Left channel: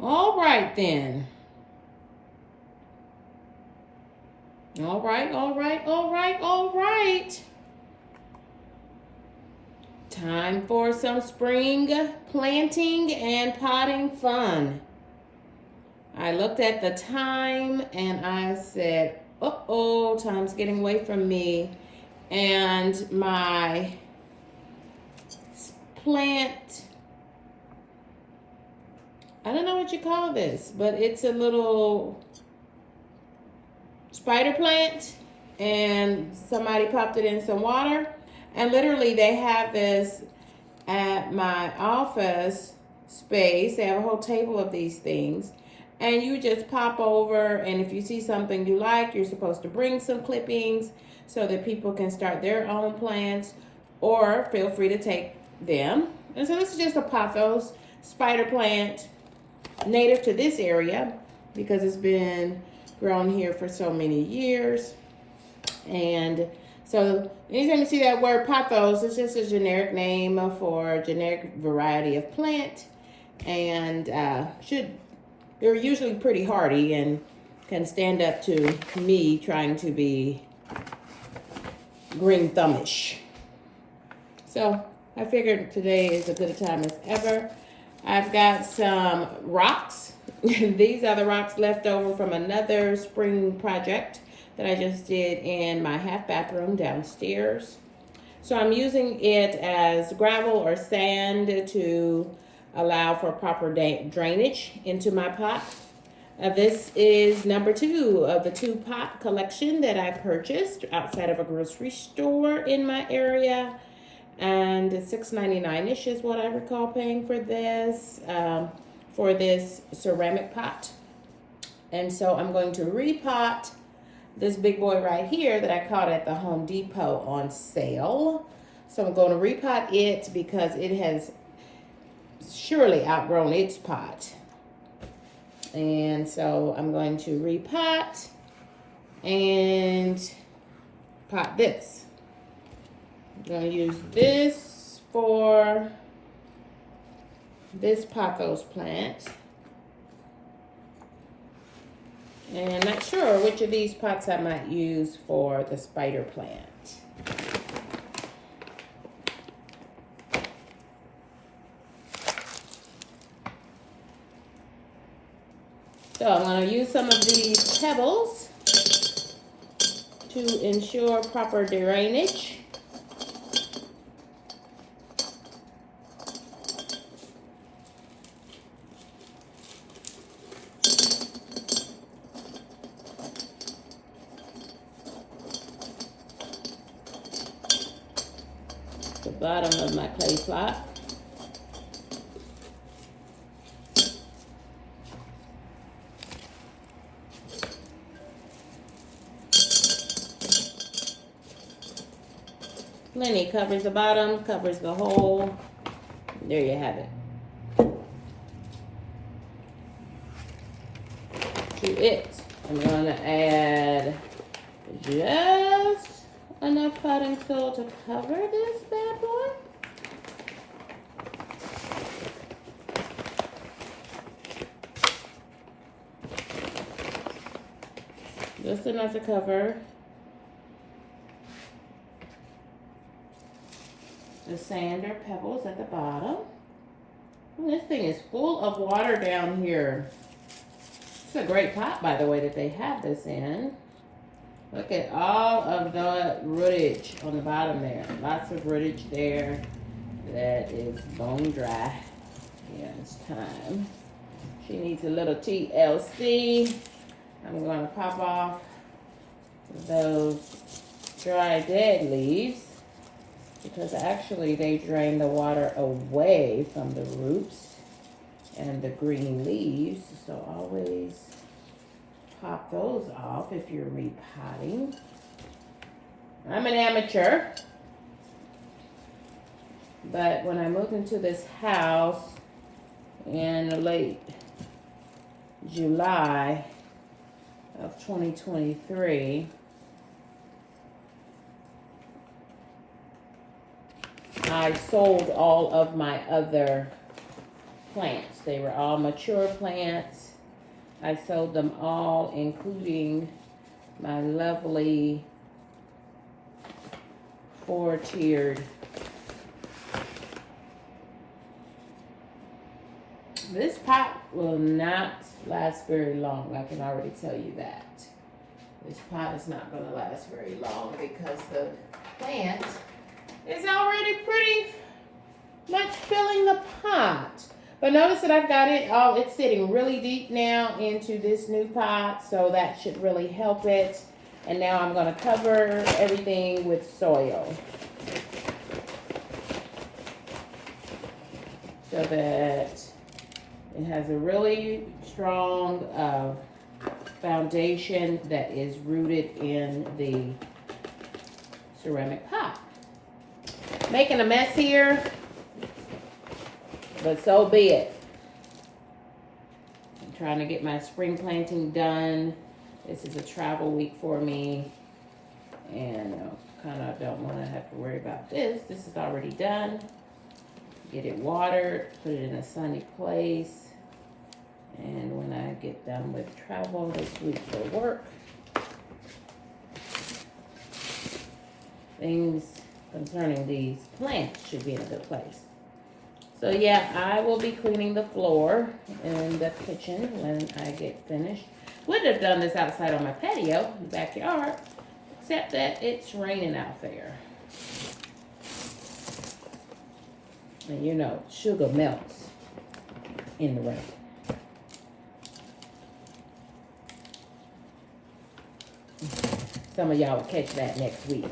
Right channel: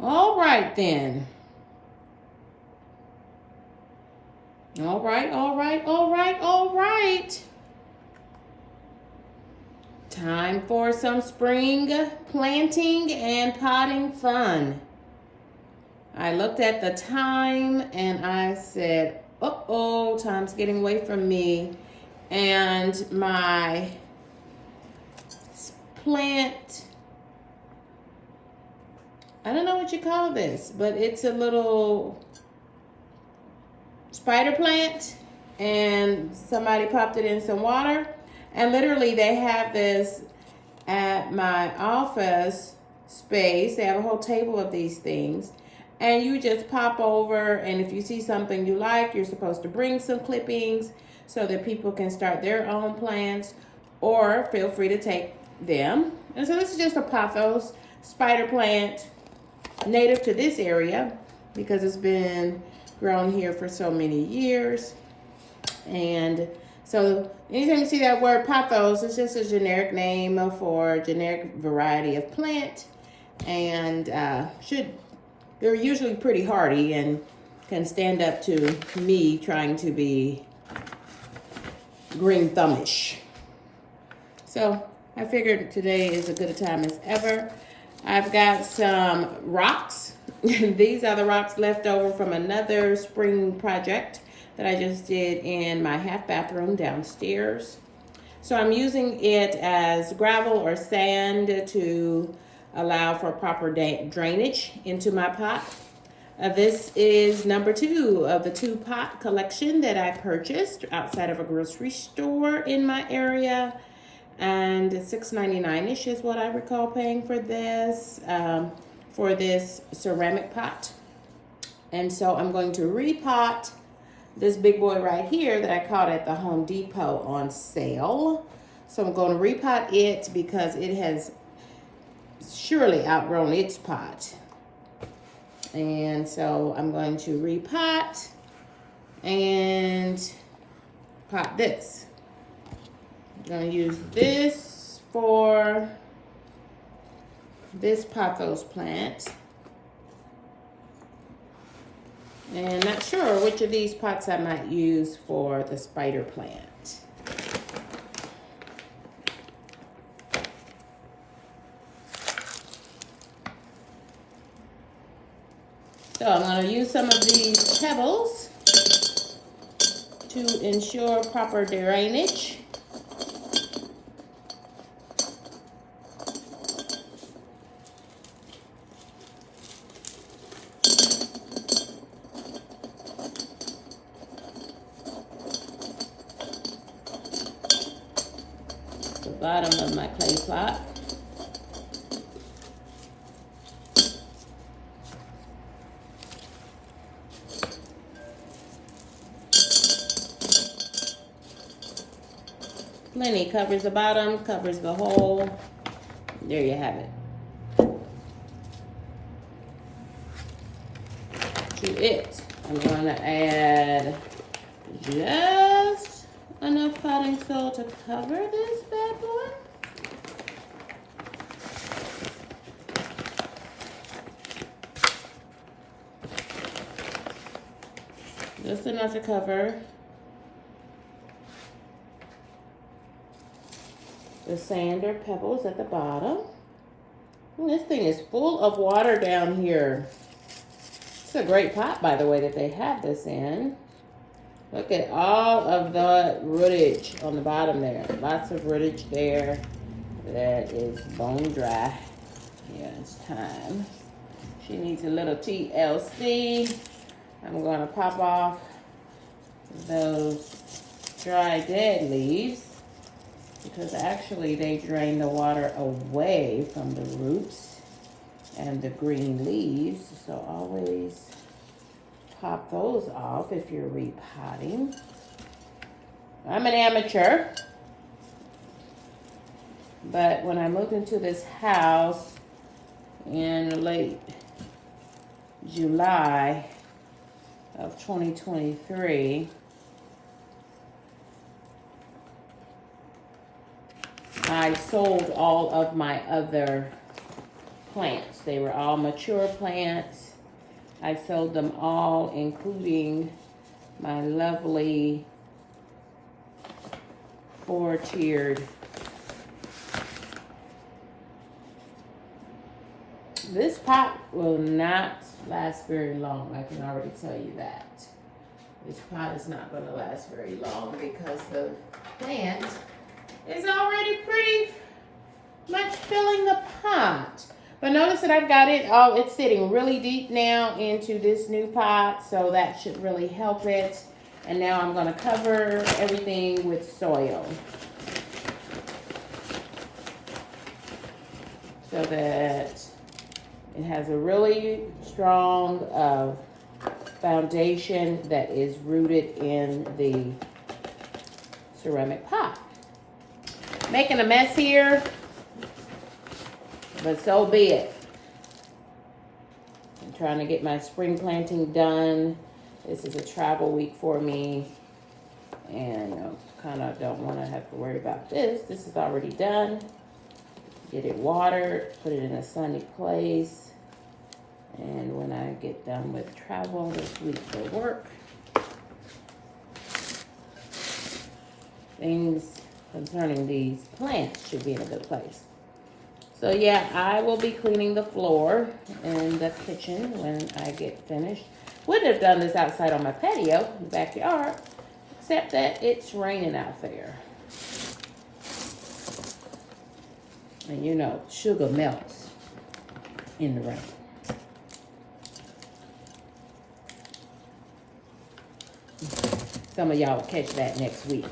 All right then. All right, all right, all right, all right. Time for some spring planting and potting fun. I looked at the time and I said, uh-oh, time's getting away from me. And my plant, I don't know what you call this, but it's a little spider plant, and somebody popped it in some water. And literally they have this at my office space. They have a whole table of these things. And you just pop over, and if you see something you like, you're supposed to bring some clippings so that people can start their own plants, or feel free to take them. And so this is just a pothos spider plant, native to this area because it's been grown here for so many years. And so anytime you see that word pothos, it's just a generic name for a generic variety of plant. And they're usually pretty hardy and can stand up to me trying to be green thumbish. So I figured today is as good a time as ever. I've got some rocks. These are the rocks left over from another spring project that I just did in my half bathroom downstairs. So I'm using it as gravel or sand to allow for proper drainage into my pot. This is number 2 of the 2-pot collection that I purchased outside of a grocery store in my area. And $6.99-ish is what I recall paying for this ceramic pot. And so I'm going to repot this big boy right here that I caught at the Home Depot on sale. So I'm going to repot it because it has surely outgrown its pot. And so I'm going to repot and pot this. I'm going to use this for this pothos plant. And not sure which of these pots I might use for the spider plant. So I'm going to use some of these pebbles to ensure proper drainage. The bottom of my clay pot. Plenty, covers the bottom, covers the hole. There you have it. To it, I'm going to add just enough potting soil to cover this bad boy. Just enough to cover the sand or pebbles at the bottom. And this thing is full of water down here. It's a great pot, by the way, that they have this in. Look at all of the rootage on the bottom there. Lots of rootage there that is bone dry. Yeah, it's time. She needs a little TLC. I'm going to pop off those dry dead leaves because actually they drain the water away from the roots and the green leaves. So always pop those off if you're repotting. I'm an amateur, but when I moved into this house in late July of 2023, I sold all of my other plants. They were all mature plants. I sold them all, including my lovely 4-tiered. This pot will not last very long. I can already tell you that. This pot is not going to last very long because the plant is already pretty much filling the pot. But notice that I've got it, it's sitting really deep now into this new pot, so that should really help it. And now I'm going to cover everything with soil so that it has a really strong foundation that is rooted in the ceramic pot. Making a mess here, but so be it. I'm trying to get my spring planting done. This is a travel week for me, and I kind of don't want to have to worry about this. This is already done. Get it watered, put it in a sunny place, and when I get done with travel this week for work, things concerning these plants should be in a good place. So yeah, I will be cleaning the floor in the kitchen when I get finished. Would have done this outside on my patio in the backyard, except that it's raining out there. And you know, sugar melts in the rain. Some of y'all will catch that next week.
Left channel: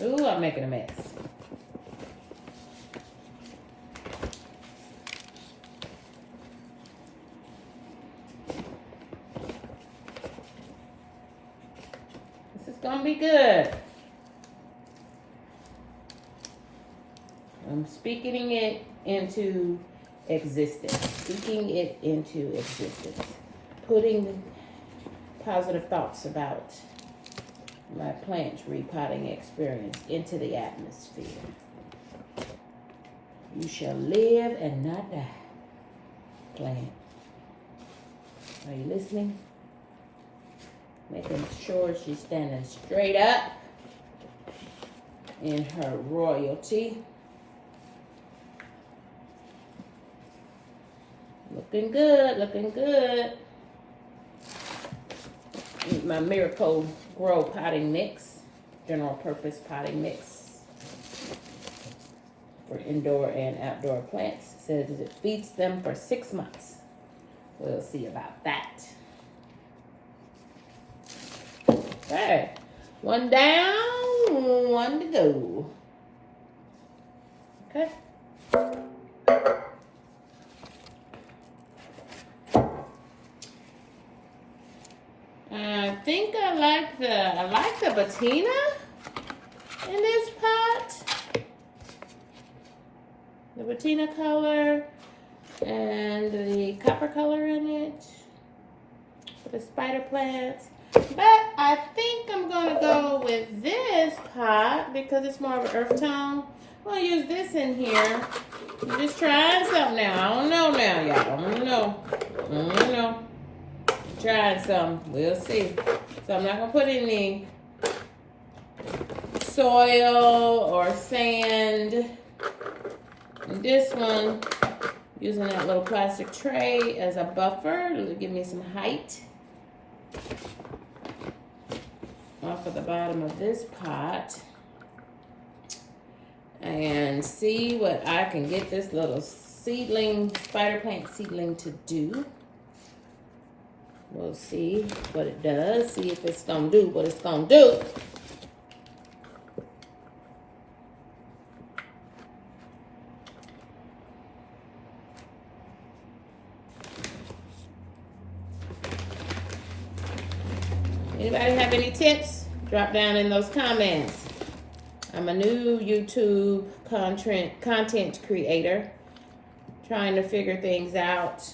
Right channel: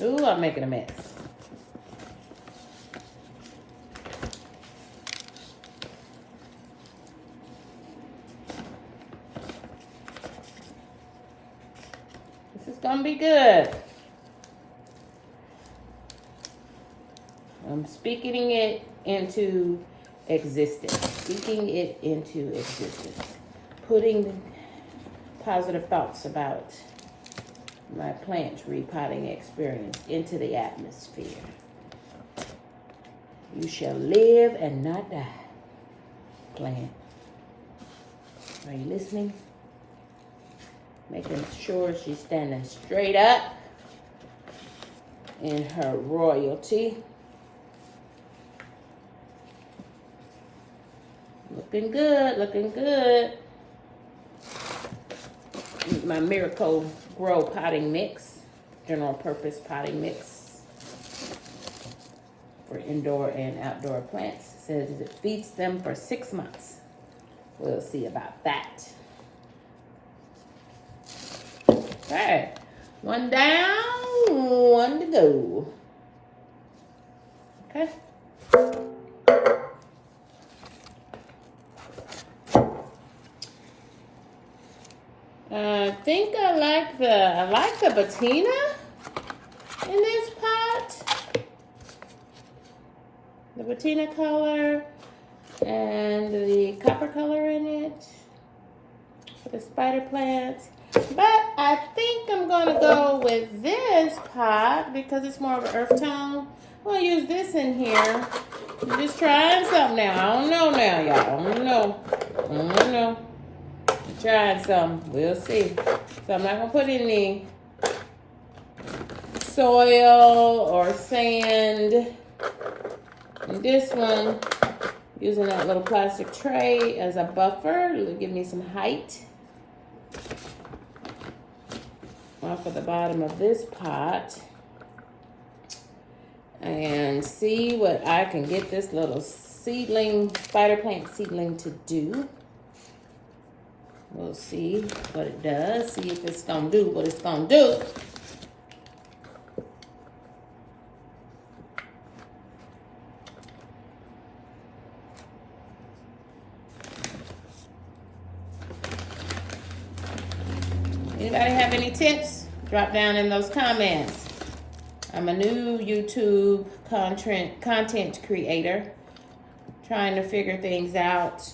Ooh, I'm making a mess. This is gonna be good. I'm speaking it into existence. Speaking it into existence. Putting positive thoughts about my plant repotting experience into the atmosphere. You shall live and not die. Plant. Are you listening? Making sure she's standing straight up in her royalty. Looking good, looking good. My Miracle Grow potting mix, general purpose potting mix for indoor and outdoor plants. It says it feeds them for 6 months. We'll see about that. Okay, one down, one to go. Okay. I think I like the patina in this pot. The patina color and the copper color in it for the spider plants. But I think I'm gonna go with this pot because it's more of an earth tone. I'm gonna use this in here. I'm just trying something now. I don't know now, y'all. I don't know. Trying some, we'll see. So I'm not gonna put any soil or sand in this one. Using that little plastic tray as a buffer to give me some height off of the bottom of this pot. And see what I can get this little seedling, spider plant seedling to do. We'll see what it does. See if it's going to do what it's going to do. Anybody have any tips? Drop down in those comments. I'm a new YouTube content creator. Trying to figure things out.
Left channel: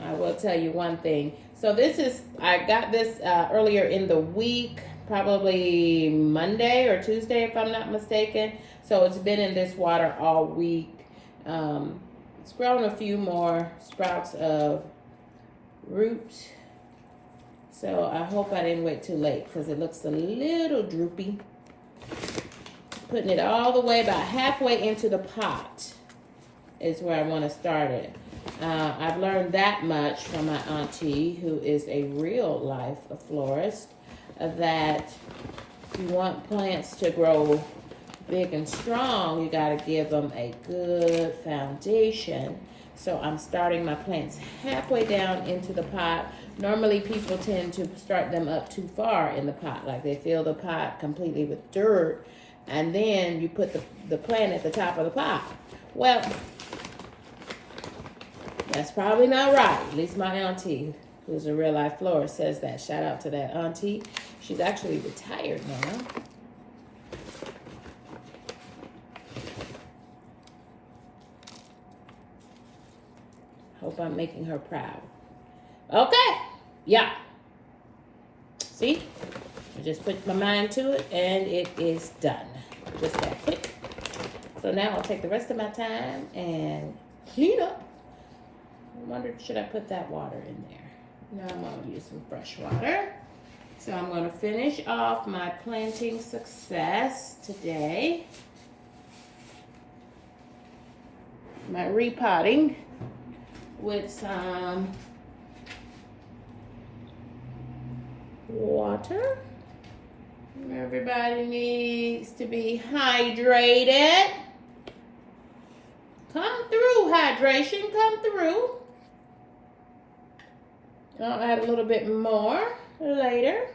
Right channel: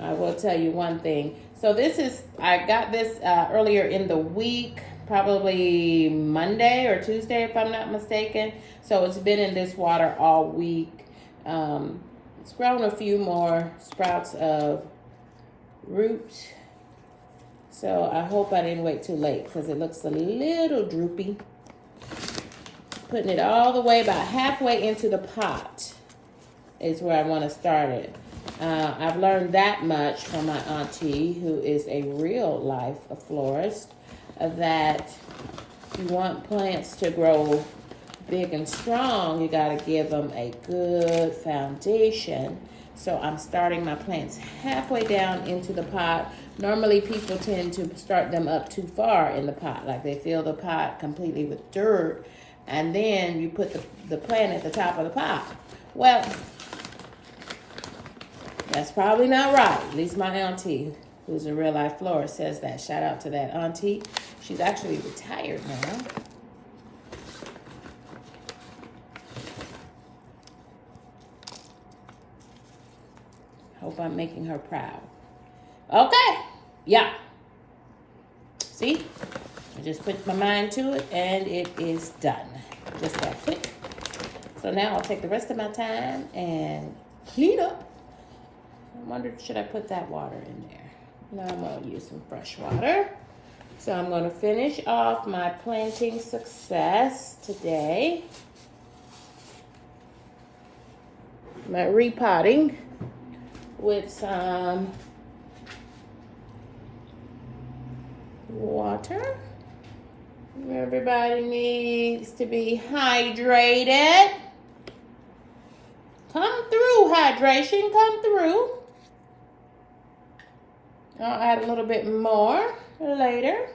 I will tell you one thing. So this is, I got this earlier in the week. probably Monday or Tuesday, if I'm not mistaken. So it's been in this water all week. It's grown a few more sprouts of root. So I hope I didn't wait too late because it looks a little droopy. Putting it all the way about halfway into the pot is where I want to start it. I've learned that much from my auntie, who is a real life florist, that if you want plants to grow big and strong, you got to give them a good foundation. So I'm starting my plants halfway down into the pot. Normally people tend to start them up too far in the pot, like they fill the pot completely with dirt, and then you put the plant at the top of the pot. Well, that's probably not right. At least my auntie, who's a real life florist, says that. Shout out to that auntie. She's actually retired now. Hope I'm making her proud. Okay. Yeah. See? I just put my mind to it and it is done. Just that quick. So now I'll take the rest of my time and clean up. I wondered, should I put that water in there? Now I'm going to use some fresh water. So I'm going to finish off my planting success today. My repotting with some water. Everybody needs to be hydrated. Come through, hydration, come through. I'll add a little bit more later.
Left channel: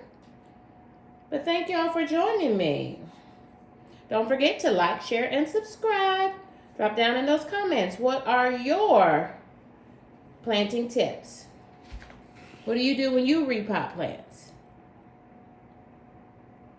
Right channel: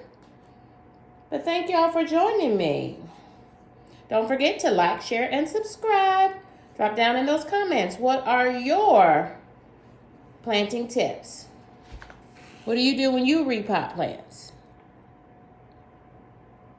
But thank y'all for joining me. Don't forget to like, share, and subscribe. Drop down in those comments. What are your planting tips? What do you do when you repot plants?